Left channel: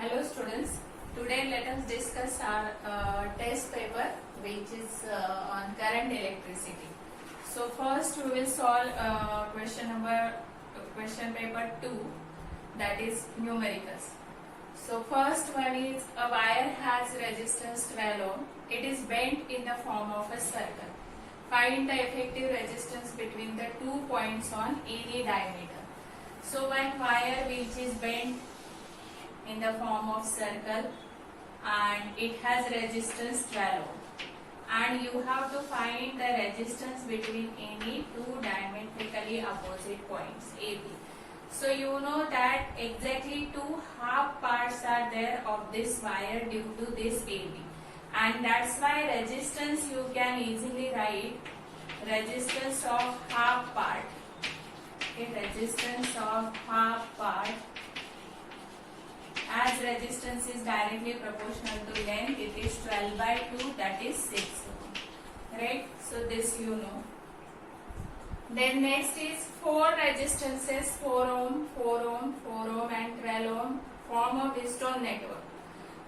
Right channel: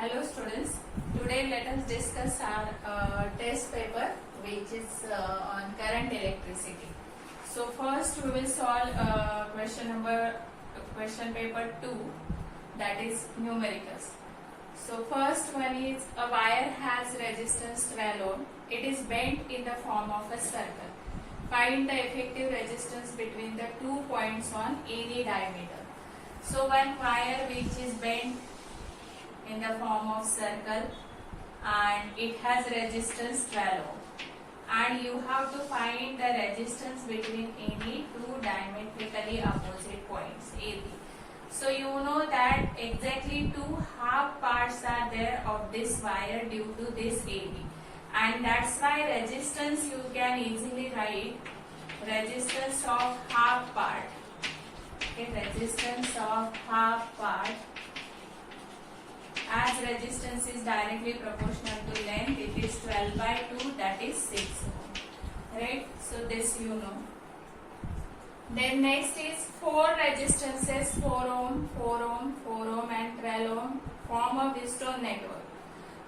Hello students, today let us discuss our test paper which is on current electricity. So first we will solve question paper 2, that is numericals. So first one is a wire has resistance 12 ohm. It is bent in the form of a circle. Find the effective resistance between the 2 points on any diameter. So one wire which is bent in the form of circle and it has resistance 12 ohm, and you have to find the resistance between any two diametrically opposite points AB. So you know that exactly two half parts are there of this wire due to this AB, and that's why resistance you can easily write resistance of half part. Okay, resistance of half part, as resistance is directly proportional to length, it is 12 by 2, that is 6 ohm. Right? So this you know. Then next is 4 resistances, 4 ohm, 4 ohm, 4 ohm and 12 ohm form a Wheatstone network.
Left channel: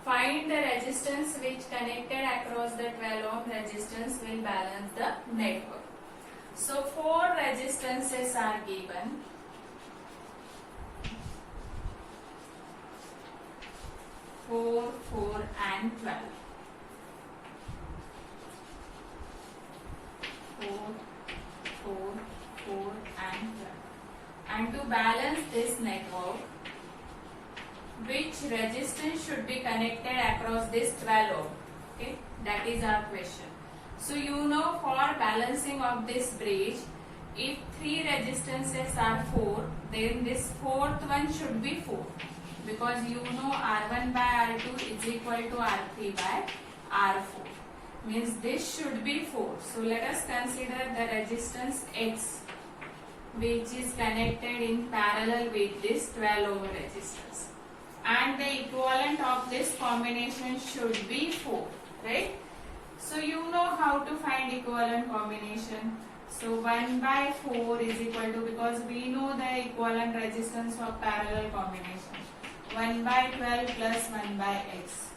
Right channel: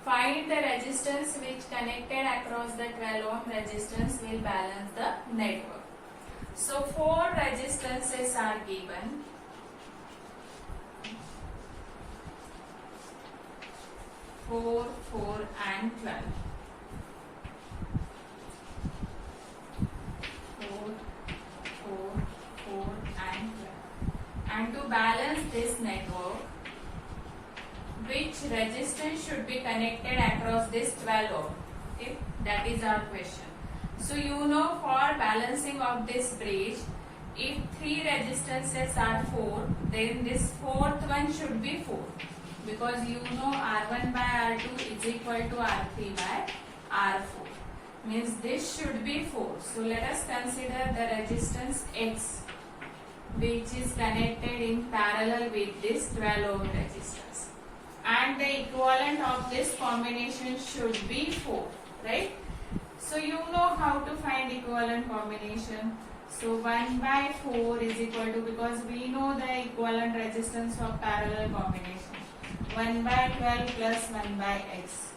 Find the resistance which connected across the 12 ohm resistance will balance the network. So 4 resistances are given. 4, 4 and 12. 4, 4, 4 and 12. And to balance this network, which resistance should be connected across this 12 ohm? Okay, that is our question. So you know, for balancing of this bridge, if 3 resistances are 4, then this fourth one should be 4. Because you know R1 by R2 is equal to R3 by R4. Means this should be 4. So let us consider the resistance X, which is connected in parallel with this 12 ohm resistance. And the equivalent of this combination should be 4. Right? So you know how to find equivalent combination. So 1 by 4 is equal to, because we know the equivalent resistance of parallel combination. 1 by 12 plus 1 by x.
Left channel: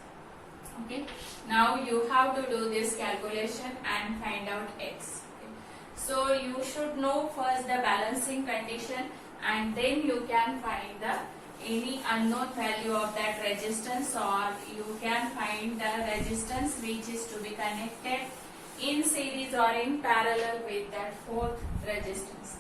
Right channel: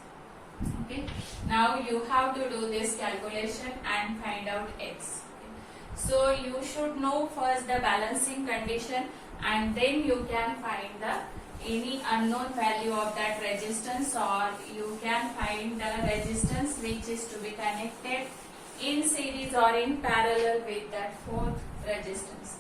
Okay. Now you have to do this calculation and find out x. Okay. So you should know first the balancing condition, and then you can find the any unknown value of that resistance, or you can find the resistance which is to be connected in series or in parallel with that fourth resistance.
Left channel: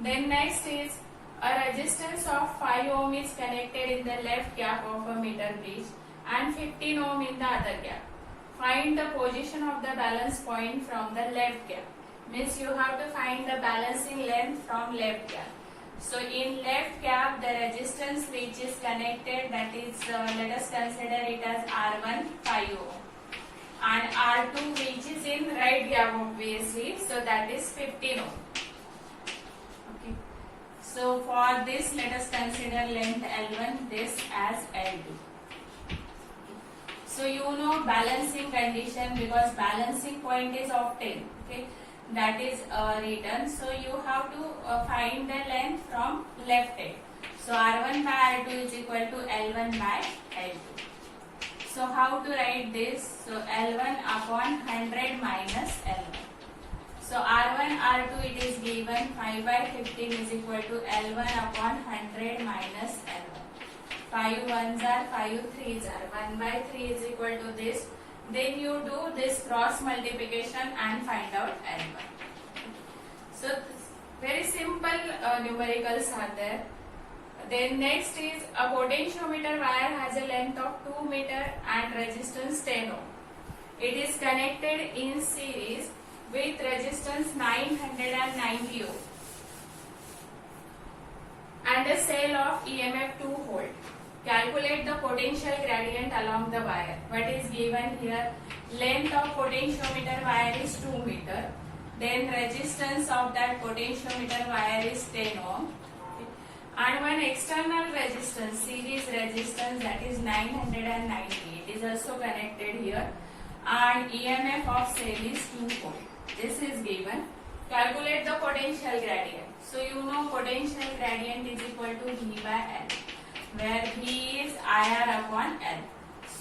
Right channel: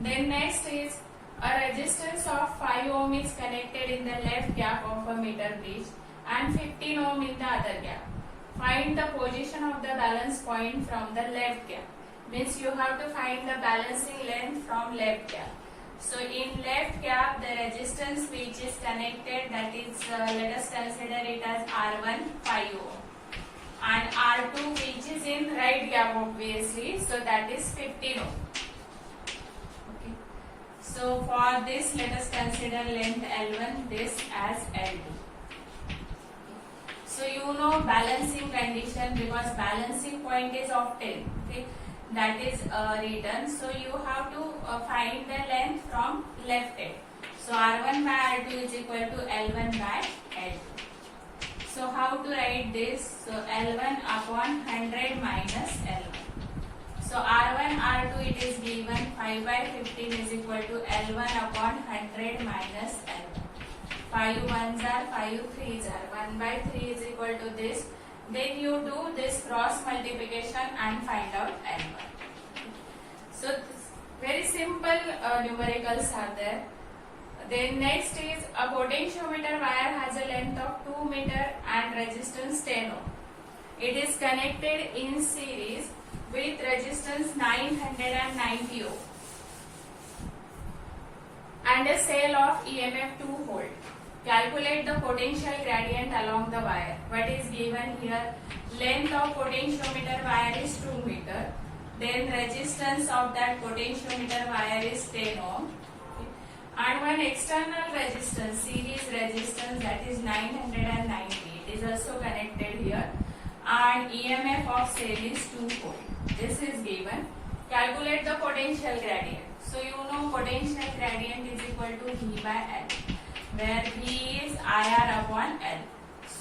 Then next is a resistance of 5 ohm is connected in the left gap of a meter bridge and 15 ohm in the other gap. Find the position of the balance point from the left gap. Means you have to find the balancing length from left gap. So in left gap, the resistance which is connected, that is, let us consider it as R1 5 ohm, and R2 which is in right gap obviously, so that is 15 ohm. So for this, let us consider length L1, this as L2. So you know balancing condition, because balancing point is of 10. Okay, that is written. So you have to find the length from left end. So R1 by R2 is equal to L1 by L2. So how to write this? So L1 upon 100 minus L1. So R1, R2 it is given 5 by 15 is equal to L1 upon 100 minus L1. 5 1s are 5 3s are 1 by 3 is equal to this. Then you do this cross multiplication and find out L1. So very simple numericals are there. Then next is a potentiometer wire has a length of 2 meter and resistance 10 ohm. It is connected in series with resistance 990 ohm and a cell of EMF 2 volt. Calculate the potential gradient along the wire. What is given here? Length of potentiometer wire is 2 meter. Then resistance of that potentiometer wire is 10 ohm. Okay. And one external resistance, series resistance, that is 990. It is also connected here. And EMF of cell is 2 volt. This is given. Calculate the potential gradient. So you know potential gradient is equal to V by L. where V is IR upon L.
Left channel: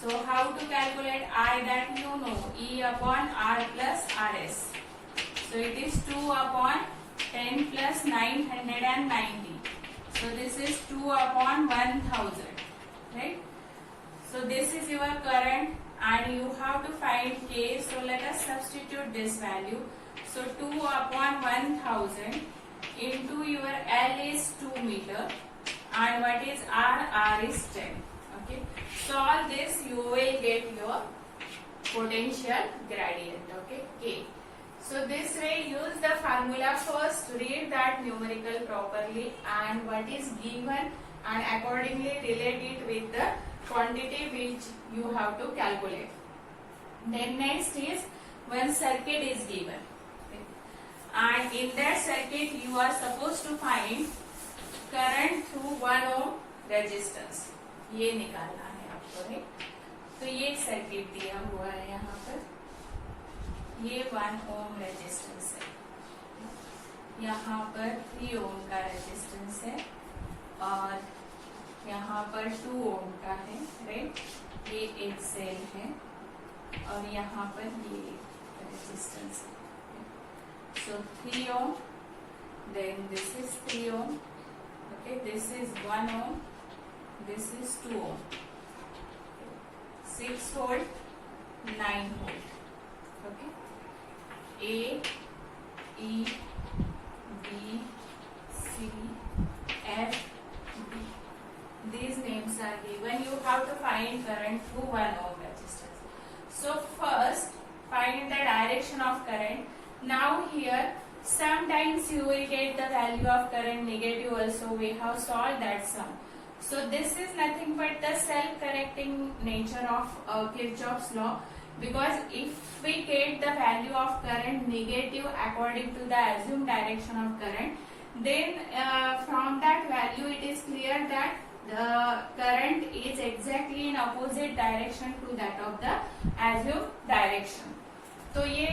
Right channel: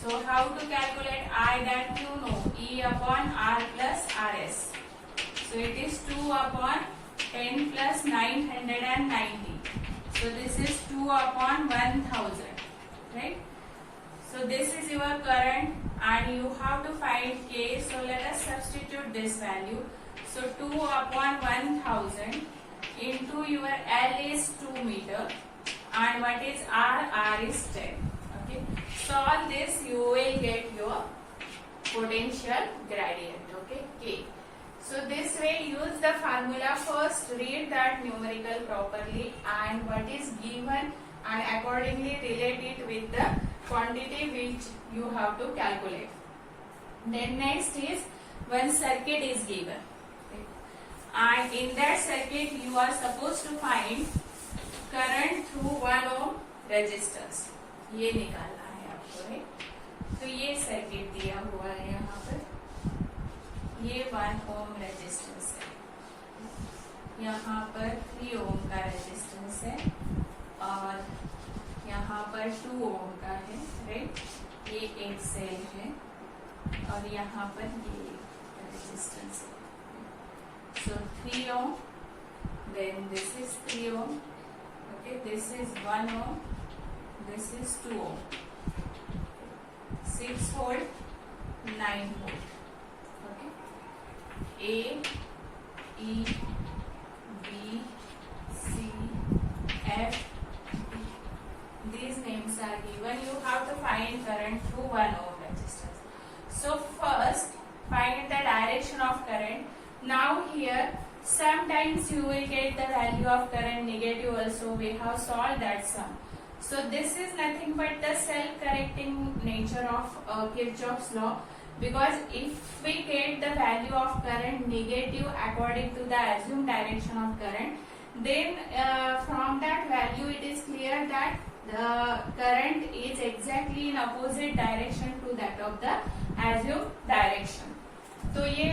So how to calculate I, that you know, E upon R plus RS. So it is 2 upon 10 plus 990. So this is 2 upon 1000, right? So this is your current and you have to find K. So let us substitute this value. So 2 upon 1000 into your L is 2 meter and what is R? R is 10. Okay. Solve this, you will get your potential gradient. Okay. K. So this way use the formula first, read that numerical properly and what is given and accordingly relate it with the quantity which you have to calculate. Then next is one circuit is given. Okay. And in that circuit you are supposed to find current through 1 ohm resistance. ये निकालना है आपको, है तो ये circuit दिया हुआ है यहाँ पर, ये 1 ओम रेजिस्टेंस है, यहाँ पर 3 ओम का रेजिस्टेंस है और यहाँ पर 2 ओम का है, राइट। ये एक सेल है और यहाँ पर ये रेजिस्टेंस है। So 3 ohm, then this is 3 ohm, okay, this is 1 ohm, this is 2 ohm, 6 volt, 9 volt. Okay. A, E, B, C, F, D. These names are given. You have to find current through 1 ohm resistance. So first find the direction of current. Now here sometimes you will get the value of current negative also. We have solved that sum. So this is nothing but the self-correcting nature of Kirchhoff's law, because if we get the value of current negative according to the assumed direction of current, then from that value it is clear that the current is exactly in opposite direction to that of the assumed direction. तो ये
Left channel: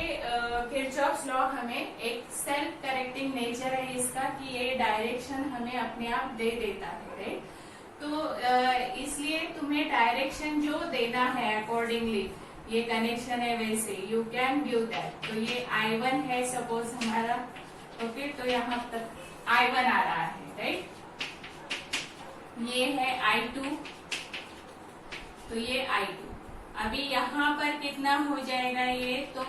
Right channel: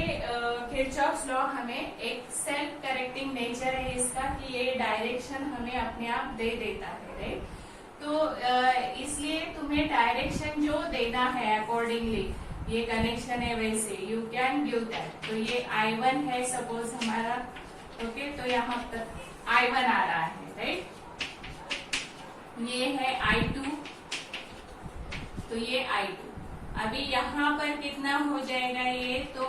Kirchhoff's law हमें एक self correcting nature है इसका कि ये direction हमें अपने आप दे देता है, राइट। तो इसलिए तुम्हें डायरेक्शन जो देना है अकॉर्डिंगली, ये कनेक्शन है वैसे यू कैन गिव दैट। तो ये I1 है सपोज हमारा, ओके, तो यहाँ तक I1 आ रहा है, राइट। ये है I2, तो ये I2। अभी यहाँ पर कितना हो जाएगा ये, तो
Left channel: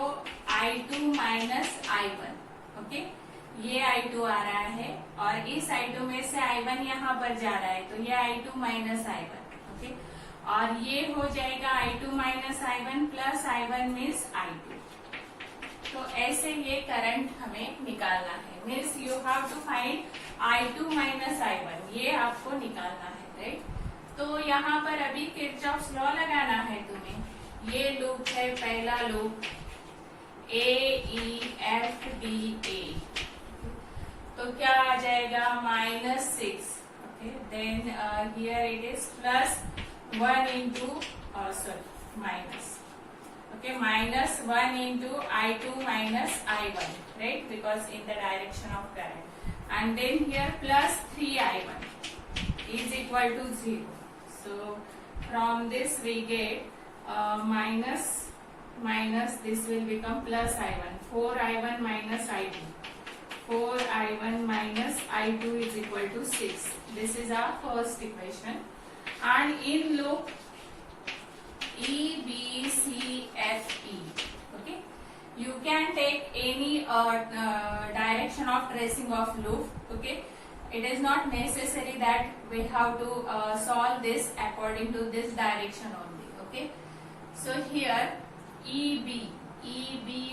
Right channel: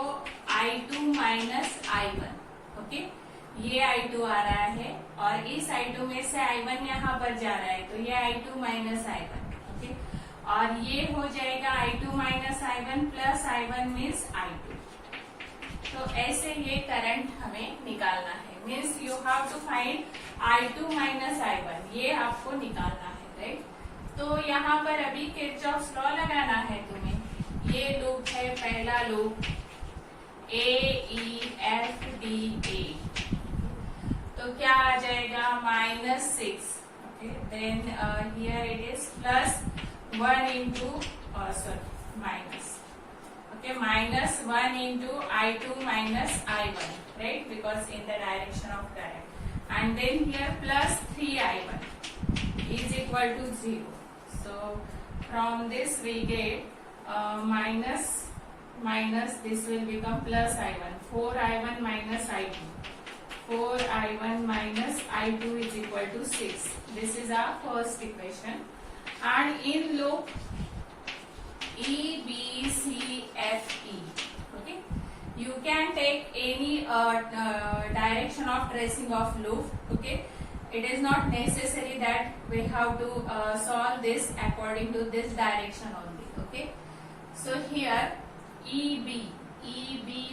I2 माइनस I1, ओके, ये I2 आ रहा है और इस I2 में से I1 यहाँ पर जा रहा है, तो ये I2 माइनस I1, ओके, और ये हो जाएगा I2 minus I1 plus I1 means I2। तो ऐसे ये करंट हमें निकालना है, means you have to find I2 minus I1, ये आपको निकालना है, राइट। तो यहाँ पर अभी किरचॉफ्स लॉ लगाना है तुम्हें। ये लूप है पहला लूप, AEFDA, तो क्या आ जाएगा -6, okay, then here it is +1 into minus, okay, -1 into I2 minus I1, right, because in the direction of current, and then here +3I1 is equal to 0. So from this we get minus this will become plus I1, 4I1 minus I2, 4I1 minus I2 is equal to 6. This is our first equation. And in loop E, B, C, F, E, okay, you can take any direction of tracing of loop, okay. It is not necessary that we have to solve this according to this direction only, okay. So here EB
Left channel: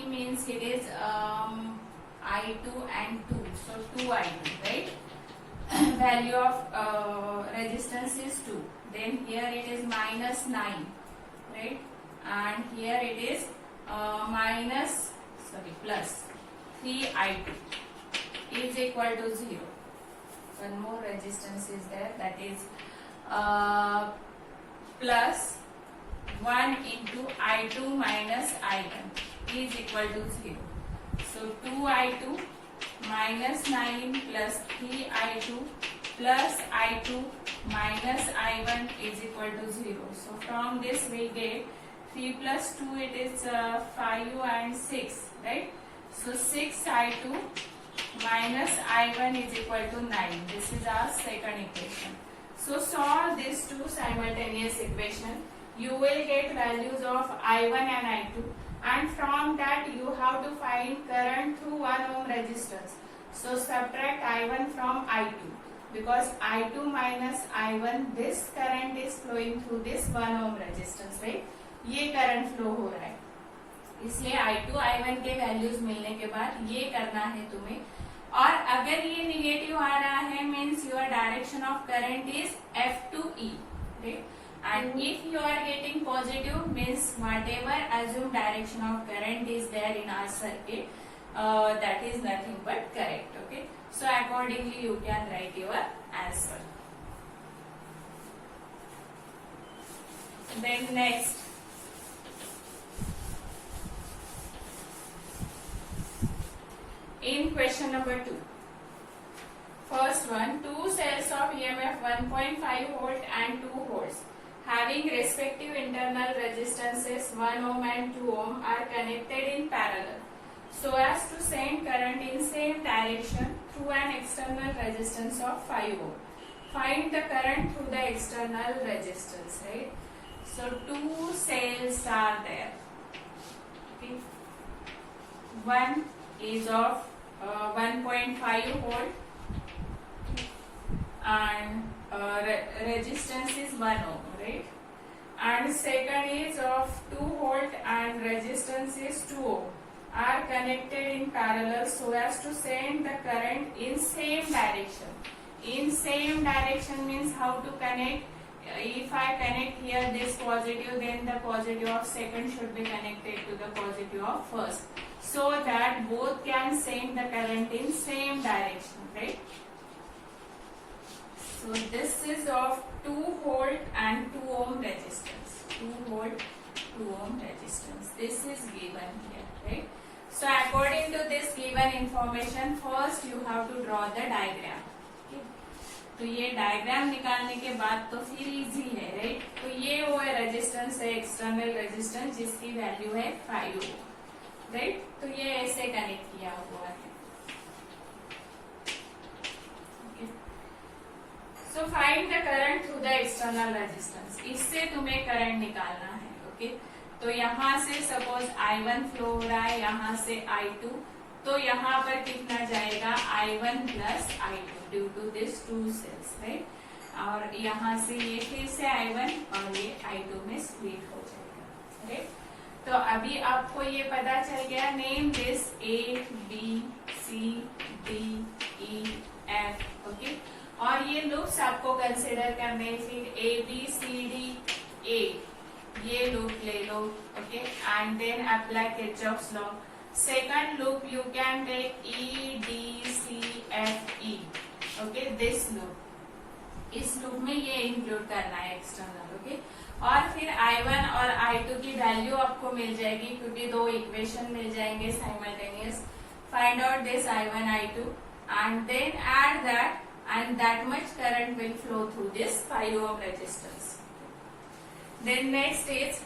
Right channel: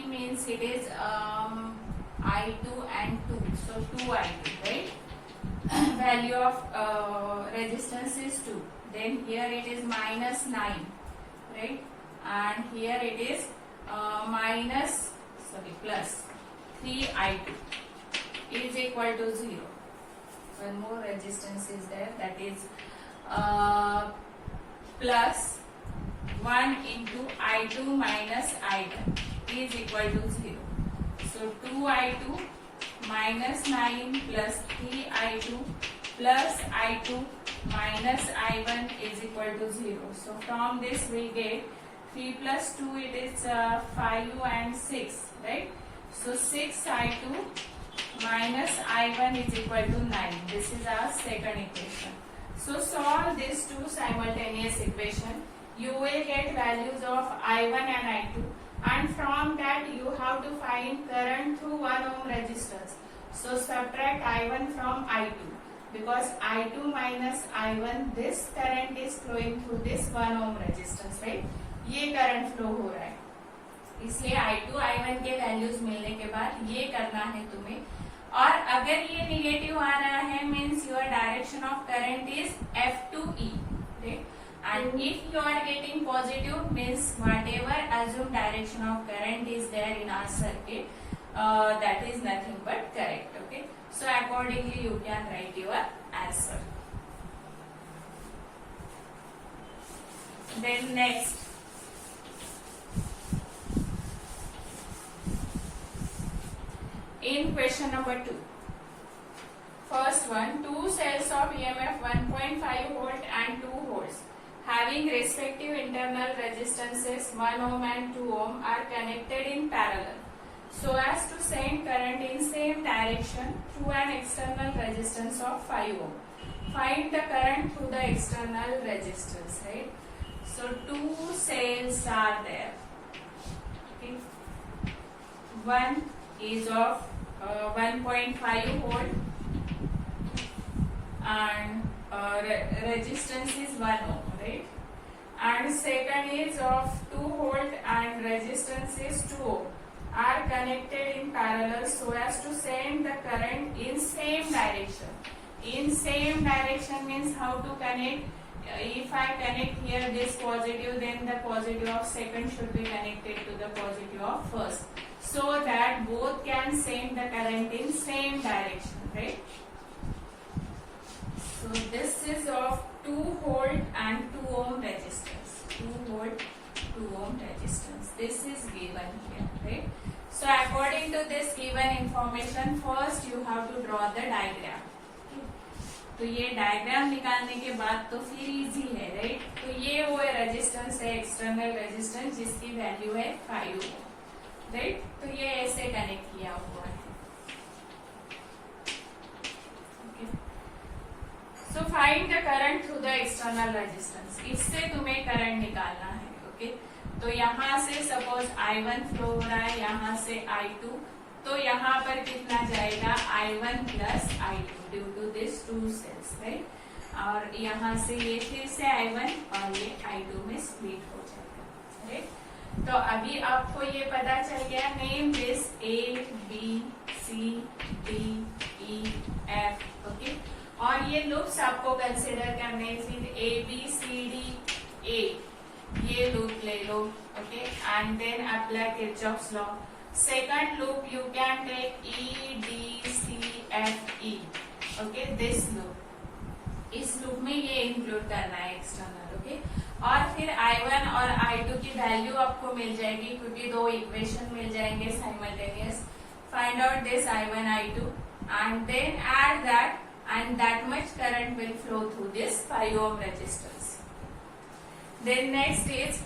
means it is I2 and 2, so 2I2, right. Value of resistance is 2. Then here it is -9, right, and here it is plus 3I2 is equal to 0. One more resistance is there, that is plus 1 into I2 minus I1 is equal to 0. So 2I2 minus 9 plus 3I2 plus I2 minus I1 is equal to 0. So from this we get 3 plus 2, it is 5 and 6, right? So 6 I2 minus I1 is equal to 9. This is our second equation. So solve these two simultaneous equation. You will get values of I1 and I2, and from that you have to find current through 1 ohm resistance. So subtract I1 from I2, because I2 minus I1, this current is flowing through this 1 ohm resistance, right? ये current flow हो रहा है, इसलिए I2 I1 के values मिलने के बाद ये करना है तुम्हें. और अगर ये निगेटिव आ रहा है means your direction of current is F2E, right? And if you are getting positive means whatever assumed direction of current is there in our circuit, that is nothing but correct. Okay, so accordingly you can write your answer. Then next, in question number 2, first one, two cells of EMF 1.5 volt and 2 volts having respective internal resistances 1 ohm and 2 ohm are connected in parallel so as to send current in same direction through an external resistance of 5 ohm. Find the current through the external resistance, right? So two cells are there. Okay. One is of 1.5 volt and resistance is 1 ohm, right? And second is of 2 volt and resistance is 2 ohm are connected in parallel so as to send the current in same direction. In same direction means how to connect? If I connect here this positive, then the positive of second should be connected to the positive of first, so that both can send the current in same direction, right? So this is of 2 volt and 2 ohm resistance. 2 volt, 2 ohm resistance. This is given here, right? So according to this given information, first you have to draw the diagram. तो ये diagram निकालने के बाद तो फिर easy है, right? तो ये वो रेजिस्टेंस है, एक्सटर्नल रेजिस्टेंस, जिसकी वैल्यू है 5 ओम, राइट? तो ये ऐसे कनेक्ट किया हुआ है. So find the current through the external resistance. इससे तुम्हें करंट निकालना है. ओके, तो यहाँ से सपोज I1 फ्लो हो रहा है, यहाँ से I2, तो यहाँ पर कितना जाएगा? I1 plus I2 due to this two cells, right? और यहाँ से ये फिर से I1 और ये I2 में स्प्लिट हो जाएगा, राइट? तो अभी आपको ये पता चल गया. Name this A, B, C, D, E, F. Okay, और ये लूप्स आपको कंसिडर करने, फिर A, B, C, D, A, ये लूप ले लो. Okay, and then apply Kirchhoff's law. Second loop you can take E, D, C, F, E. Okay, this loop. इस loop में ये इंक्लूड करना है एक्सटर्नल. ओके, और फिर I1 और I2 की वैल्यू आपको मिल जाएगी क्योंकि दो इक्वेशन मिल जाएंगे simultaneous. Find out this I1, I2 and then add that, and that much current will flow through this 5 ohm resistance. Then next is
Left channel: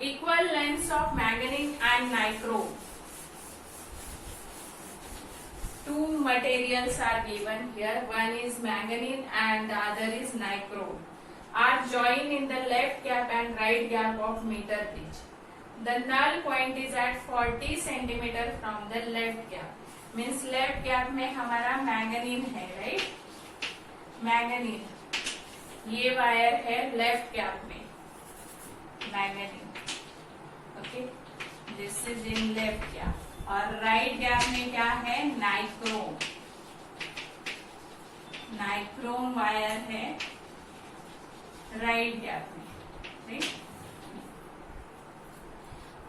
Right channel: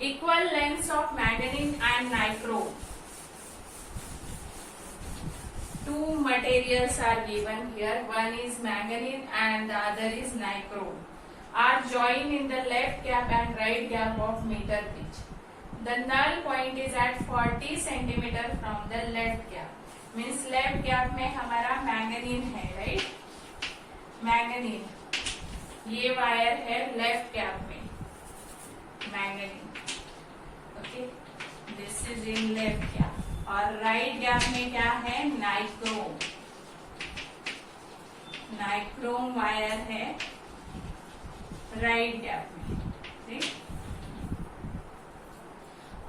equal lengths of manganese and nichrome. Two materials are given here. One is manganese and the other is nichrome. Are joined in the left gap and right gap of meter pitch. The null point is at 40 centimeter from the left gap. Means left gap में हमारा manganin है, right? Manganin, ये wire है left gap में, manganin. Okay, this is in left gap. और right gap में क्या है? नाइक्रोम. नाइक्रोम वायर है राइट गैप में, राइट?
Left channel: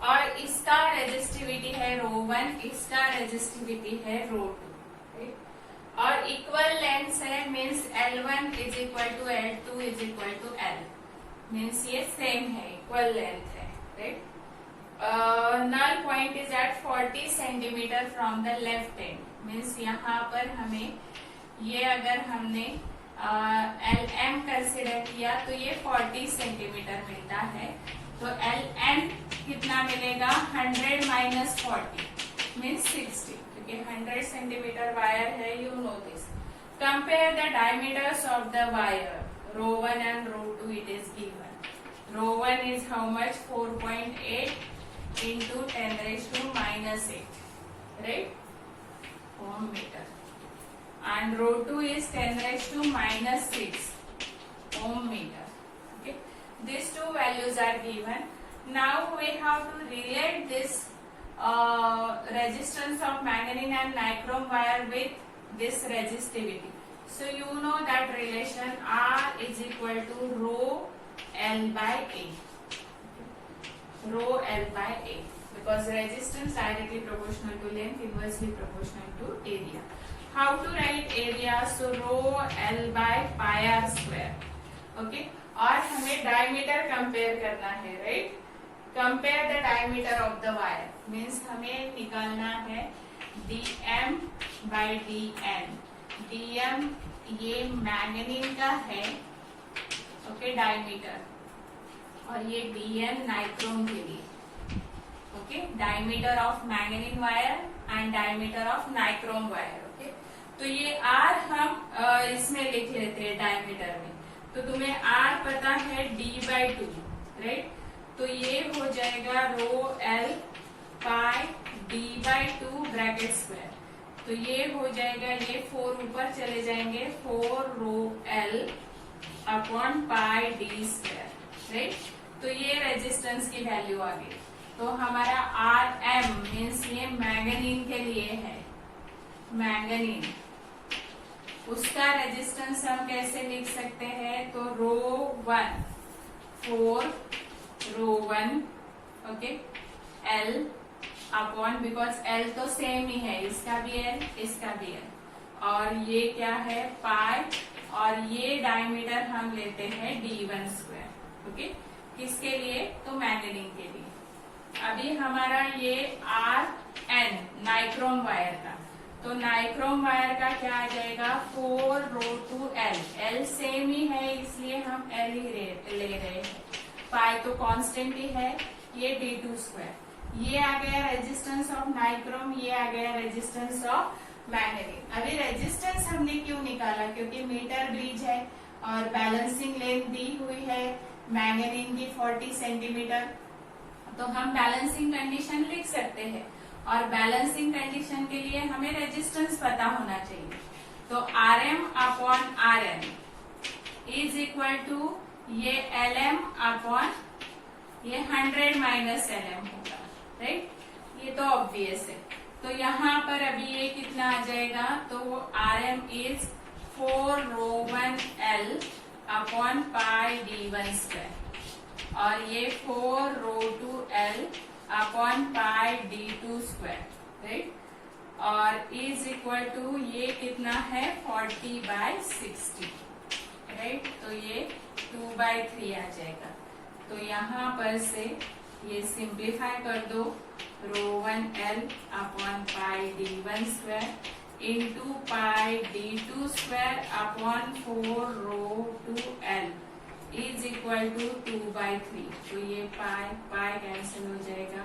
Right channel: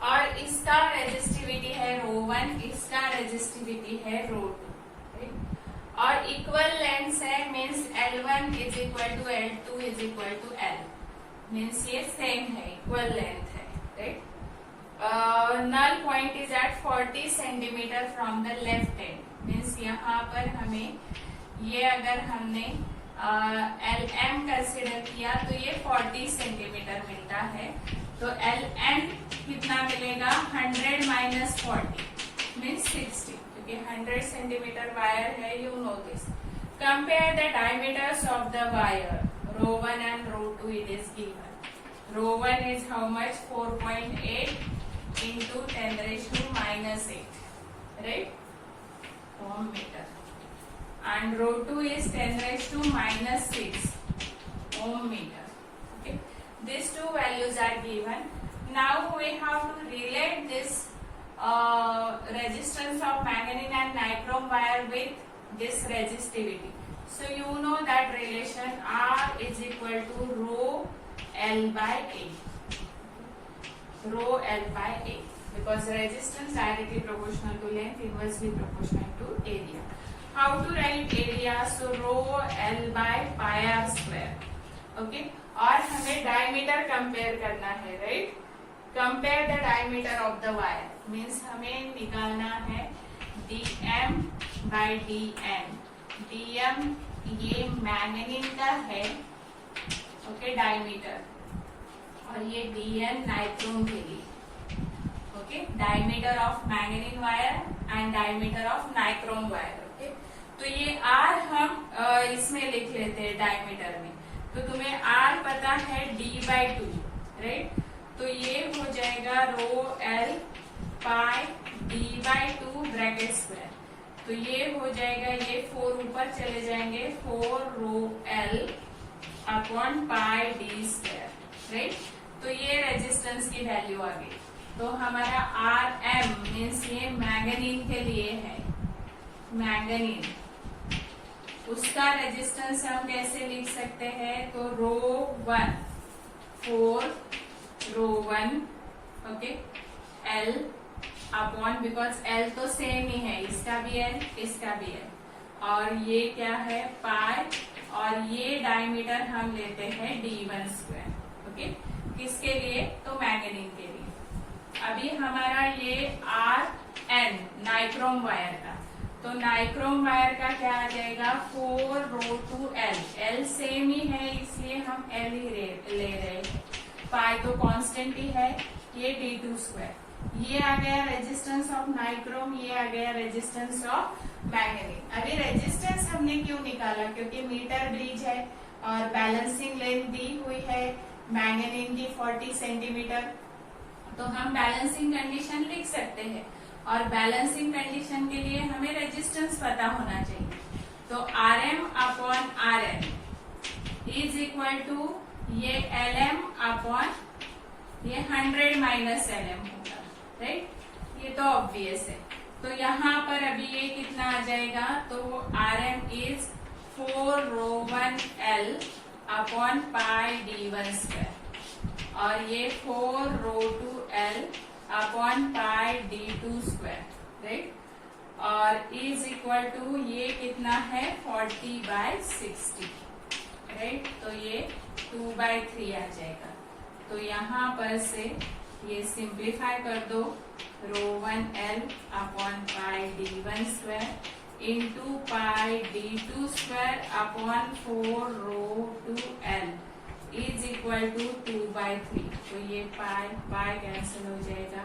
और इसका रेजिस्टिविटी है ρ1, इसका रेजिस्टिविटी है ρ2, राइट? और इक्वल लेंथ है means L1 is equal to L2 is equal to L. Means ये सेम है, इक्वल लेंथ है, right? null point is at 40 centimeter from the left end. Means यहाँ पर हमें ये अगर हमने LM कंसिडर किया तो ये 40 सेंटीमीटर मिलता है। तो LN कितना मिलेगा, 100 माइनस 40 मीन्स 60, क्योंकि 100 सेंटीमीटर वायर है, you know this. Compare the diameters of the wire ρ1 and ρ2, it is given. ρ1 is how much, 4.8 into 10 raised to minus 8, right, ohm meter. And ρ2 is 10 raised to minus 6 ohm meter. Okay, these two values are given. Now we have to relate this resistance of manganese and nichrome wire with this resistivity. So you know that relation R is equal to rho L by A. Rho L by A, because resistance directly proportional to length, inversely proportional to area. How to write area? So rho L by pi r square. Okay. और हमें diameter compare करना है, right? Compare the diameter of the wire. Means हमें निकालना है dm by dn. dm ये manganin का है, ओके, डायमीटर, और ये dn नाइक्रोम के लिए, okay, diameter of manganin wire and diameter of nichrome wire, okay. तो ये r हम इसमें लिख लेते हैं डायमीटर में, तो तुम्हें r पता है d by 2, राइट। तो ये हो जाएगा रो l pi d by 2 bracket square. तो ये हो जाएगा, ये 4 ऊपर चले जाएंगे, 4 रो l अपॉन पाई डी स्क्वायर, राइट। तो ये रेजिस्टेंस की वैल्यू आ गई। तो हमारा Rm मीन्स ये मैंगनीन के लिए है, मैंगनीन, उसका रेजिस्टेंस हम कैसे लिख सकते हैं, तो ρ1 4 ρ1, okay, L upon, because L तो सेम ही है, इसका भी L इसका भी L, और ये क्या है पाई, और ये डायमीटर हम लेते हैं d1 स्क्वायर, ओके, किसके लिए, तो मैंगनीन के लिए। अभी हमारा ये Rn नाइक्रोम वायर का, तो नाइक्रोम वायर का क्या आ जाएगा, 4 रो टू L, L सेम ही है इसलिए हम L ही ले रहे हैं, पाई तो कांस्टेंट ही है, ये d2 स्क्वायर, ये आ गया रेजिस्टेंस ऑफ नाइक्रोम, ये आ गया रेजिस्टेंस ऑफ मैंगनीन। अभी रेजिस्टेंस हमने क्यों निकाला, क्योंकि मीटर ब्रिज है और बैलेंसिंग लेंथ दी हुई है मैंगनीन की 40 सेंटीमीटर, तो हम बैलेंसिंग कंडीशन लिख सकते हैं, और बैलेंसिंग कंडीशन के लिए हमें रेजिस्टेंस पता होना चाहिए। तो Rm upon Rn is equal to ये Lm अपॉन ये 100 माइनस Lm होगा, राइट, ये तो ऑब्वियस है। तो यहाँ पर अभी ये कितना आ जाएगा, तो वो Rm is 4 ρ1 L upon pi d1 square, और ये 4 ρ2 L अपॉन पाई d2 स्क्वायर, राइट, और इज इक्वल टू ये कितना है 40/60, राइट, तो ये 2/3 आ जाएगा। तो यहाँ पर से ये सिंप्लीफाई कर दो, ρ1 L upon pi d1 square into pi d2 square upon 4 ρ2 L is equal to 2/3। तो ये पाई पाई कैंसिल हो जाएगा,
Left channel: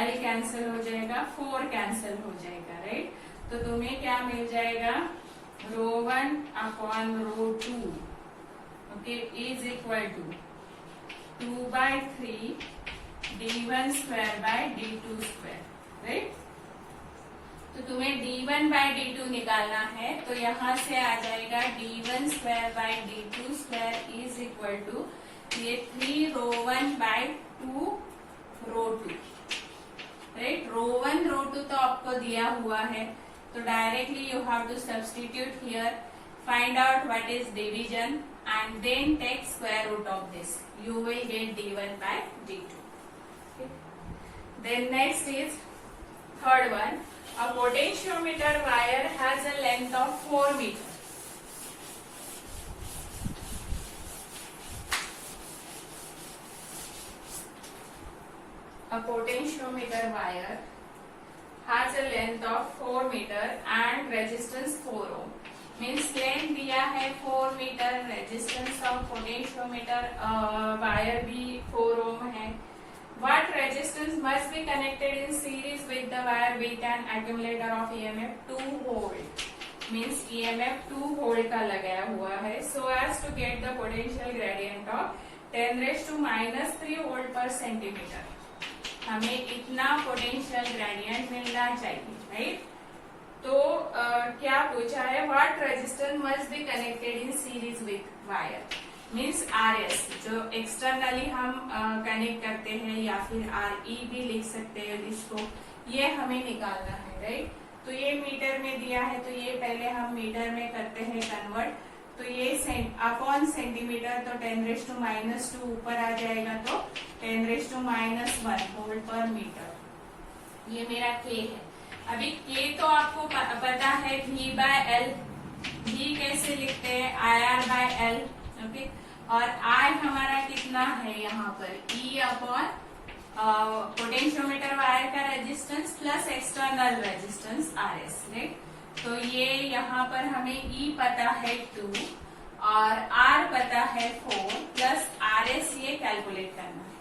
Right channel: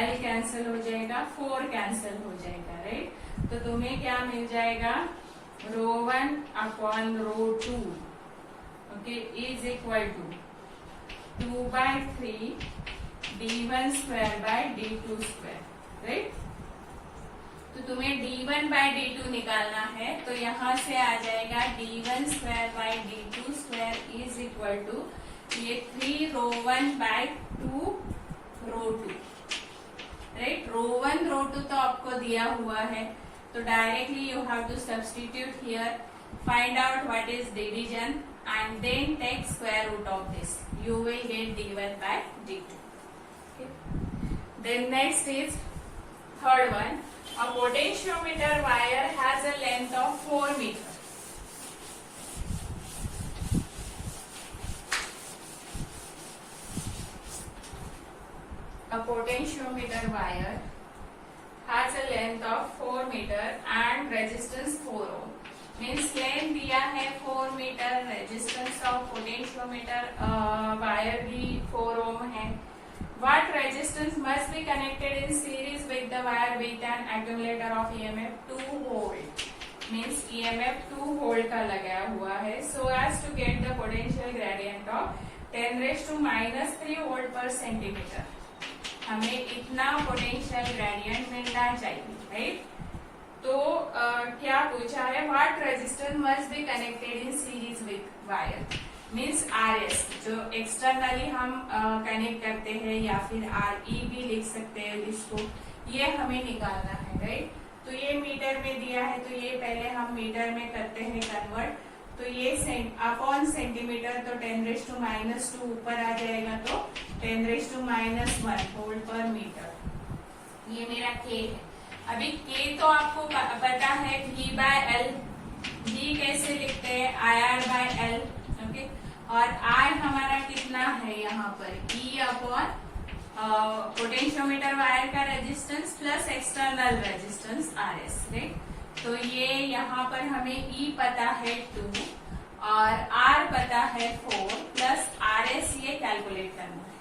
L कैंसिल हो जाएगा, 4 कैंसिल हो जाएगा, राइट। तो तुम्हें क्या मिल जाएगा, ρ1 upon ρ2, okay, is equal to 2/3 d1 square by d2 square, right. तो तुम्हें d1 बाय d2 निकालना है, तो यहाँ से आ जाएगा d1 square by d2 square is equal to ये 3 ρ1 बाय 2 ρ2, राइट। ρ1 ρ2 तो आपको दिया हुआ है, तो directly you have to substitute here, find out what is division and then take square root of this. You will get d1 by d2. Okay. Then next is third one. A potentiometer wire has a length of 4 meters. A potentiometer wire has a length of 4 meter and resistance 4 ohm. Means length दिया है 4 meter, resistance of potentiometer wire भी 4 ओम है. What resistance must be connected in series with the wire with an accumulator of EMF 2 volt? Means EMF 2 volt का लगाया हुआ है. So as to get the potential gradient of 10 raised to minus 3 volt per centimeter. हमें इतना potential gradient मिलना चाहिए, right? तो क्या पूछा है? What resistance must be connected in series with wire. Means RS जो एक्सटर्नली हम कनेक्ट करते हैं, या फिर RE भी लिख सकते हैं इसको, ये हमें निकालना है, राइट? तो ये मीटर में दिया है, तो ये पहले हम मीटर में करते हैं कन्वर्ट. तो ये अपॉन सेंटीमीटर, तो 10 रेज़ टू माइनस 2 ऊपर आ जाएगा, तो 10 रेज़ टू माइनस 1 वोल्ट पर मीटर. ये मेरा K है. अभी K तो आपको पता है V/L. V कैसे लिखते हैं? IR/L. ओके. और I हमारा कितना है यहाँ पर? E अपॉन पोटेंशियोमीटर वायर का resistance plus external resistance RS, right? तो ये यहाँ पर हमें E पता है 2 और R पता है 4 प्लस RS ये कैलकुलेट करना है.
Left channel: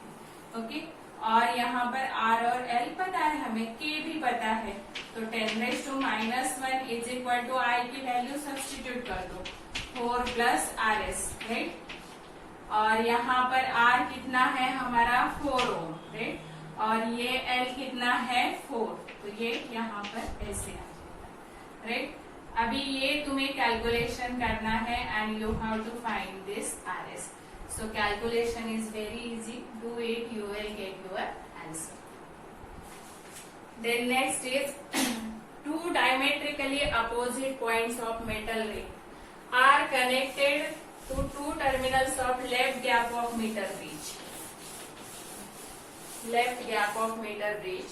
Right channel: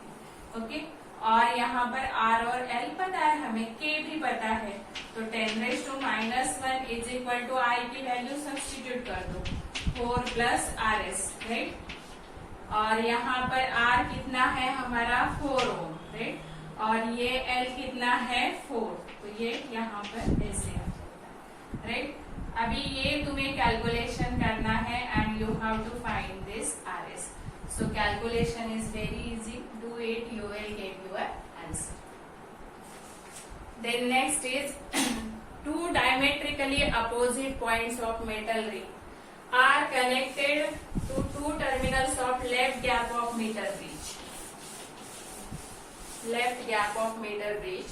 ओके. और यहाँ पर R और L पता है हमें, K भी पता है. तो 10 raise to minus 1 is equal to I की वैल्यू सब्स्टिट्यूट कर दो, 4 प्लस RS, राइट? और यहाँ पर R कितना है हमारा? 4 ओम, राइट? और ये L कितना है? 4. तो ये यहाँ पर ऐसे है, राइट? अभी ये तुम्हें कैलकुलेशन करना है and you have to find this RS. So calculation is very easy. Do it, you will get your answer. Then next is two diametrically opposite points of metal ring are connected to two terminals of left gap of meter bridge. Left gap of meter bridge.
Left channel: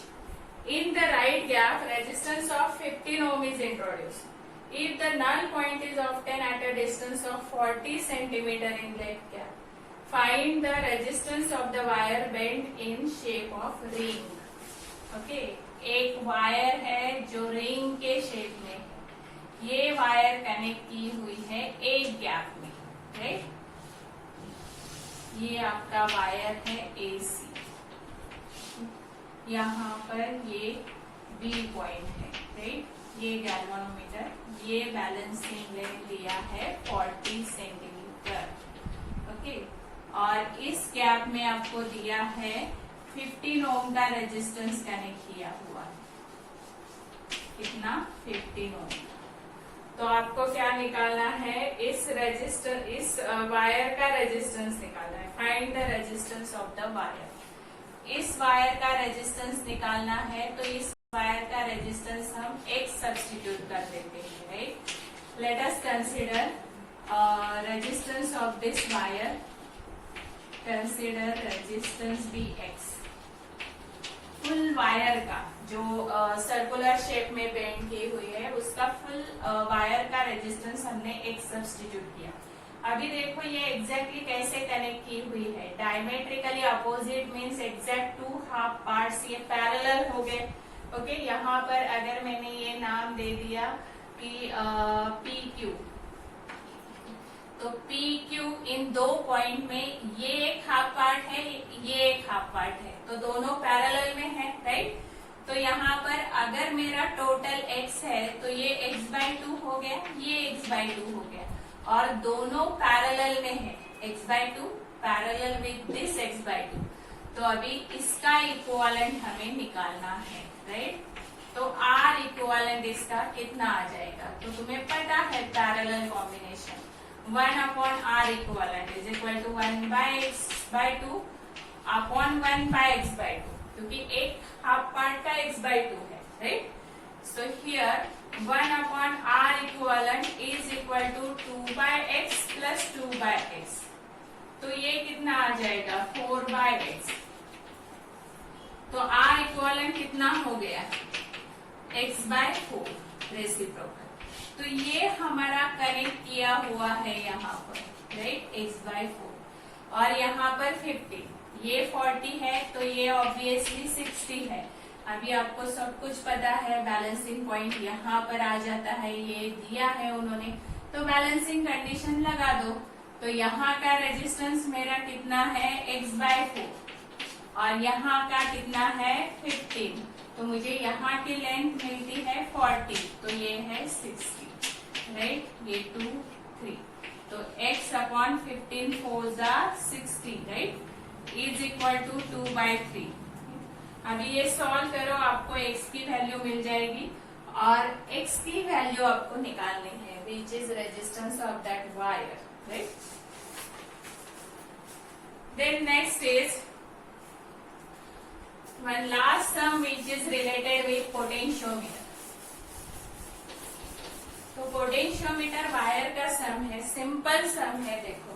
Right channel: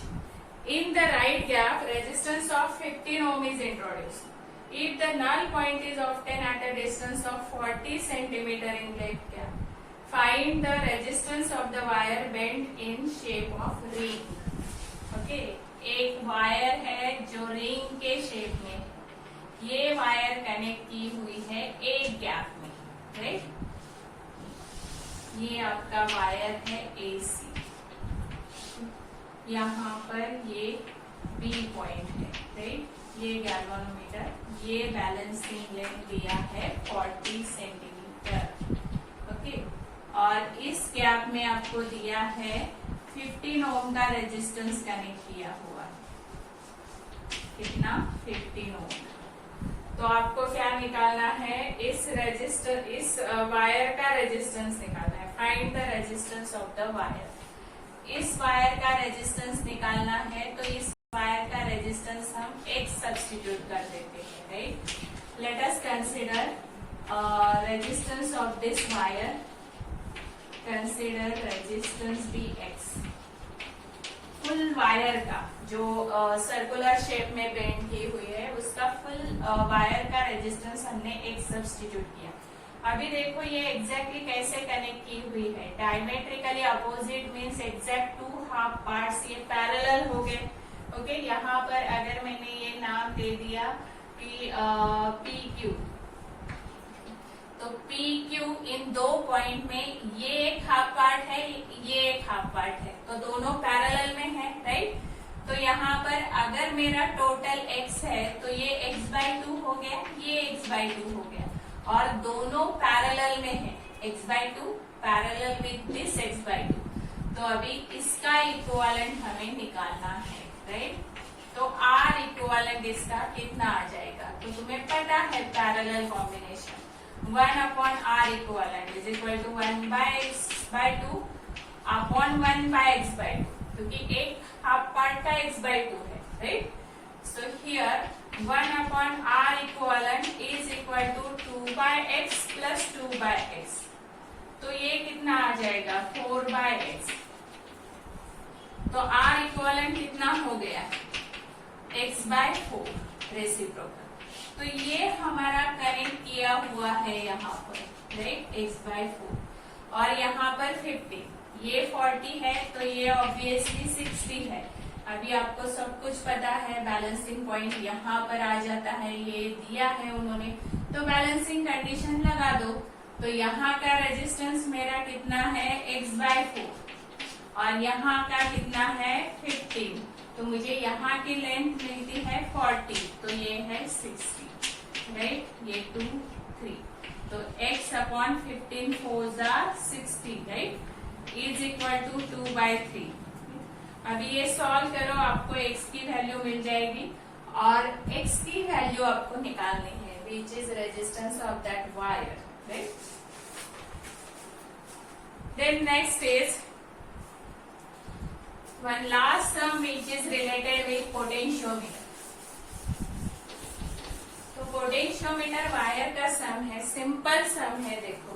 In the right gap, resistance of 15 ohm is introduced. If the null point is obtained at a distance of 40 centimeter in left gap, find the resistance of the wire bent in shape of ring. Okay. एक wire है जो ring के shape में, ये wire connect की हुई है एक गैप में, राइट? ये आपका वायर है AC. यहाँ पर ये B पॉइंट है, राइट? ये गैल्वेनोमीटर, ये बैलेंसिंग लेंथ दिया है 40 सेंटीमीटर. ओके. और इस गैप में आपको दिया है 15 ओम का रेजिस्टेंस कनेक्ट किया हुआ है. कितना? 15 ओम. तो आपको क्या निकालना है? इस वायर का रेजिस्टेंस निकालना है. Find the resistance of the wire. इस वायर का रेजिस्टेंस निकालना है, तो इस वायर का रेजिस्टेंस हम X सब्स्टिट्यूट कर देते हैं, right? Let us consider resistance of this wire. Consider resistance Bx. Full wire का जो सर्कुलर शेप में बेंड की हुई है, उसका फुल वायर का रेजिस्टेंस हमने X सब्स्टिट्यूट किया. अभी देखो ये एग्जैक्टली कैसे कनेक्ट की हुई है. Diametrically opposite means exact 2 half parts ये पैरेलल हो गए. ओके. यहाँ पर अगर मैंने ये नाम दे दिया कि PQ, तो PQ इन 2 पॉइंट में ये एक हाफ पार्ट है, ये एक हाफ पार्ट है, तो दोनों पैरेलल में है, राइट? तो यहाँ पर अगर मेरा टोटल X है, तो ये X/2 हो गया, ये X/2 हो गया, और दोनों पैरेलल में है. X/2 parallel with this X/2. तो अभी इसका इक्विवेलेंट हमें निकालना है, राइट? तो R इक्विवेलेंट इसका कितना आ जाएगा? तो तुम्हें पता है parallel combination 1 upon R equivalent is equal to 1/X/2 upon 1/X/2, क्योंकि एक हाफ पार्ट का X/2 है, right? So here 1 upon R equivalent is equal to 2/x plus 2/x. तो ये कितना आ जाएगा? 4/x. तो R equivalent कितना हो गया? x/4 reciprocal. तो ये हमारा कनेक्ट किया हुआ है यहाँ पर, राइट? x/4. और यहाँ पर 50, ये 40 है, तो ये ऑब्वियसली 60 है. अभी आपको सब कुछ पता है, बैलेंसिंग पॉइंट यहाँ पर आ जाता है, ये दिया है उन्होंने, तो बैलेंसिंग कंडीशन लगा दो। तो यहाँ का रेजिस्टेंस मेरा कितना है, x/4 और यहाँ का कितना है 15, तो मुझे यहाँ की लेंथ मिलती है 40, तो ये है 60, राइट, ये 2 3, तो x/15 4 60, right, is equal to 2/3। अभी ये सॉल्व करो, आपको x की वैल्यू मिल जाएगी और x की वैल्यू आपको निकालनी है, which is resistance of that wire, right. Then next is one last sum which is related with potentiometer. तो पोटेंशियोमीटर वायर का सम है, सिंपल सम है। देखो,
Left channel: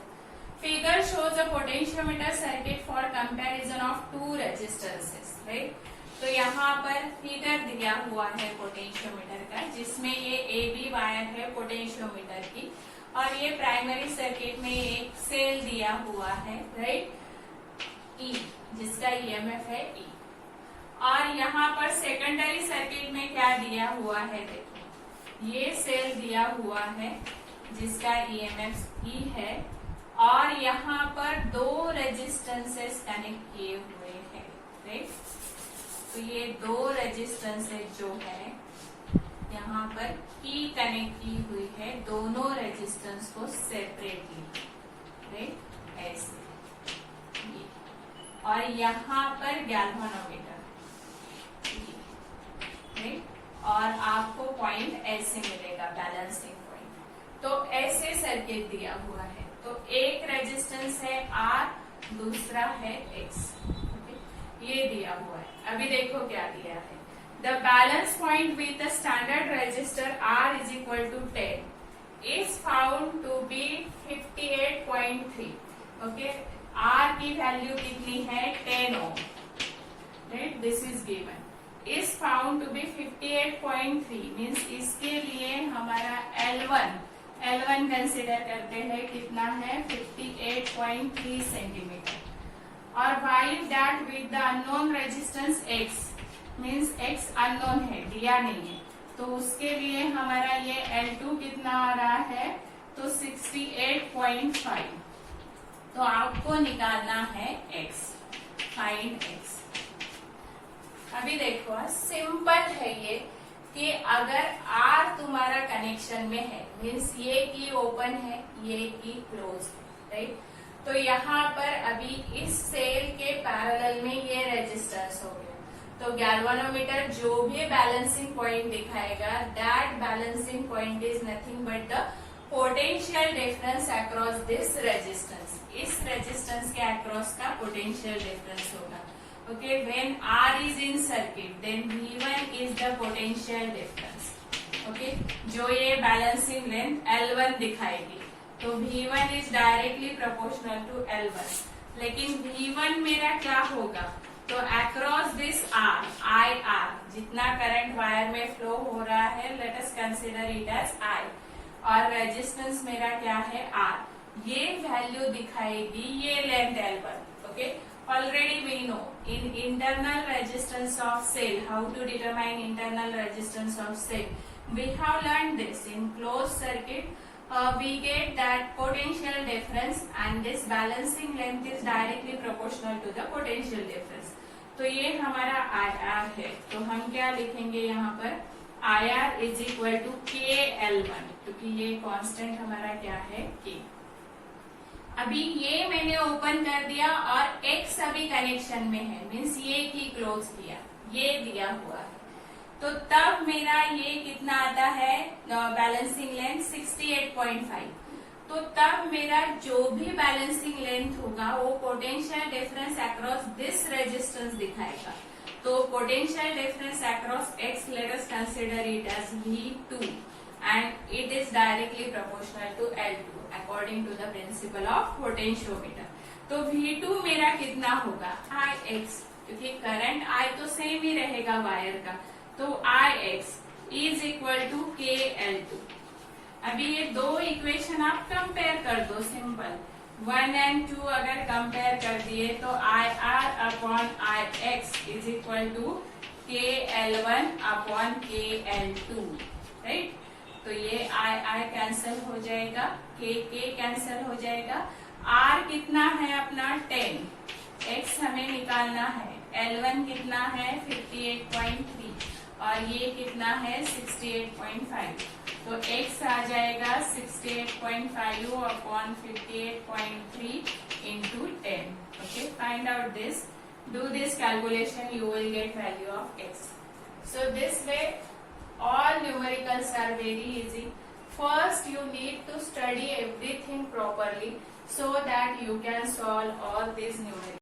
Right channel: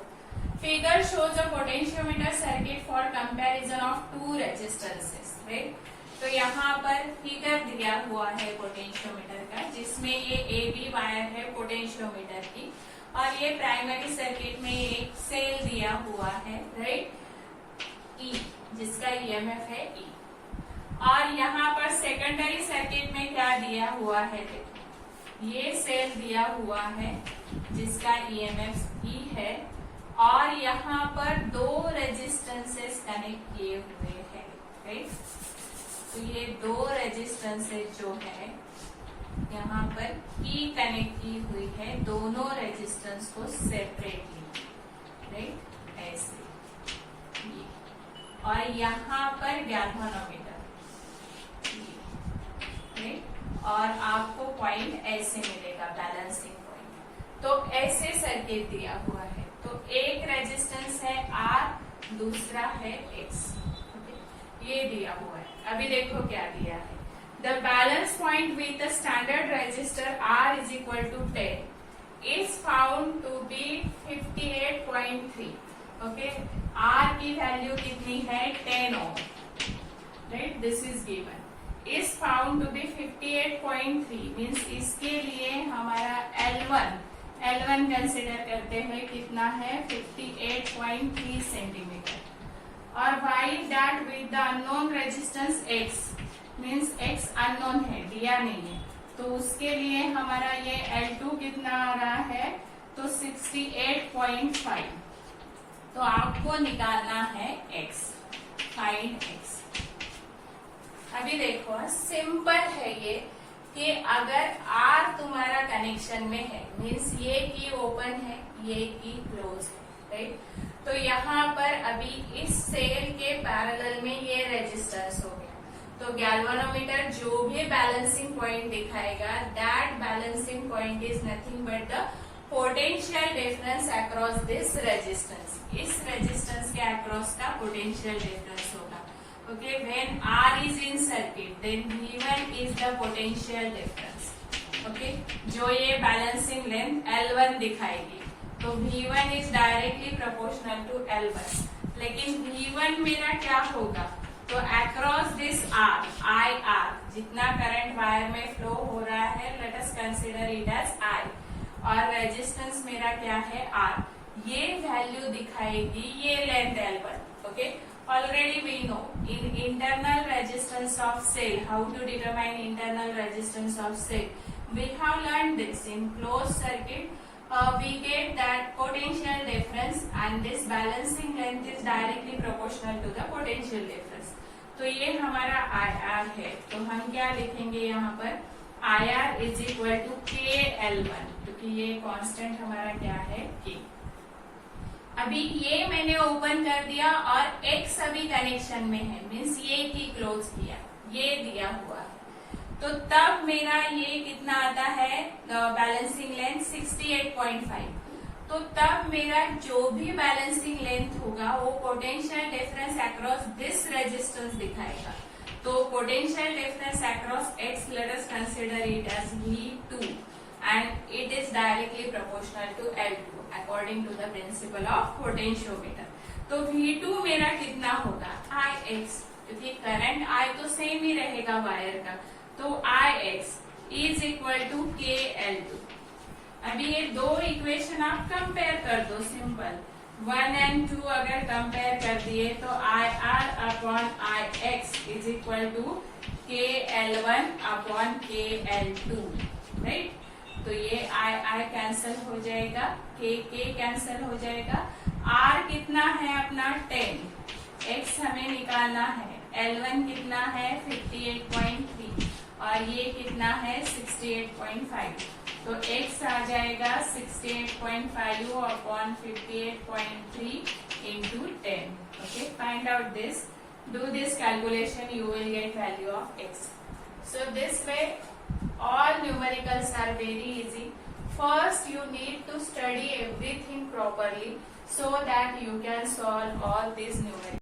figure shows a potentiometer circuit for comparison of two resistances, right. तो यहाँ पर फिगर दिया हुआ है पोटेंशियोमीटर का, जिसमें ये AB वायर है पोटेंशियोमीटर की और ये प्राइमरी सर्किट में एक सेल दिया हुआ है, राइट, E, जिसका EMF है E। और यहाँ पर सेकेंडरी सर्किट में क्या दिया हुआ है, देखो ये सेल दिया हुआ है जिसका EMF E है और यहाँ पर दो रेजिस्टेंसेस कनेक्ट किए हुए हैं, राइट। तो ये दो रेजिस्टेंसेस जो है यहाँ पर E कनेक्ट की हुई है, दोनों रेजिस्टेंस को सेपरेटली, राइट, ऐसे ये। और यहाँ पर गैल्वेनोमीटर, और आपको पॉइंट ऐसे मिलेगा, बैलेंसिंग पॉइंट। तो ऐसे सर्किट दिया हुआ है, तो एक रेजिस्टेंस है R, दूसरा है X, ये दिया हुआ है। अभी देखो क्या दिया है, the balance point with the standard resistor R is equal to 10 is found to be 58.3, okay. R की वैल्यू कितनी है, 10 ohm, right, this is given, is found to be 58.3, मीन्स इसके लिए हमारा L1 कंसिडर करते हैं, कितना है 58.3 सेंटीमीटर। और while that with the unknown resistance X, means X unknown है, दिया नहीं है, तो उसके लिए हमारा ये L2 कितना आ रहा है, तो 68.5। तो आपको निकालना है X, फाइंड X। अभी देखो, सिंपल है ये कि अगर R तुम्हारा कनेक्शन में है, मीन्स ये की ओपन है, ये की क्लोज है, राइट। तो यहाँ पर अभी इस सेल के पैरेलल में ये रेजिस्टेंस हो गया, तो गैल्वेनोमीटर जो भी बैलेंसिंग पॉइंट दिखाएगा, that balancing point is nothing but the potential difference across this resistance, इस रेजिस्टेंस के अक्रॉस का पोटेंशियल डिफरेंस होगा। Okay, when R is in circuit, then V1 is the potential difference. Okay, जो ये balancing length L1 दिखाएगी, तो V1 is directly proportional to L1. लेकिन V1 मेरा क्या होगा, तो across this R, IR, जितना करंट वायर में फ्लो हो रहा है, let us consider it as I, और रेजिस्टेंस मेरा क्या है R, ये वैल्यू दिखाएगी ये length L1, okay. Already we know in internal resistance of cell, how to determine internal resistance of cell. We have learned this in closed circuit. We get that potential difference and this balancing length is directly proportional to the potential difference. तो ये हमारा IR है, तो हम क्या लिखेंगे यहाँ पर, IR is equal to KL1, क्योंकि ये कांस्टेंट हमारा क्या है, K। अभी ये मैंने ओपन कर दिया और X अभी कनेक्शन में है, मीन्स ये की क्लोज किया, ये दिया हुआ है, तो तब मेरा ये कितना आता है, बैलेंसिंग लेंथ 68.5। तो तब मेरा जो भी बैलेंसिंग लेंथ होगा वो potential difference across this resistance दिखाएगा। तो potential difference across X, let us consider it as V2 and it is directly proportional to L2 according to the principle of potentiometer. तो V2 मेरा कितना होगा, Ix, क्योंकि current I तो same ही रहेगा wire का, तो Ix is equal to KL2। अभी ये दो इक्वेशन आप कंपेयर कर दो, सिंपल 1 and 2 अगर कंपेयर कर दिए तो IR upon Ix is equal to KL1 upon KL2, right. तो ये I कैंसिल हो जाएगा, K कैंसिल हो जाएगा। R कितना है अपना 10, X हमें निकालना है, L1 कितना है 58.3 और ये कितना है 68.5। तो X आ जाएगा 68.5 upon 58.3 into 10. Okay, find out this. Do this calculation, you will get value of X. So this way, all numericals are very easy. First, you need to study everything properly so that you can solve all these numericals.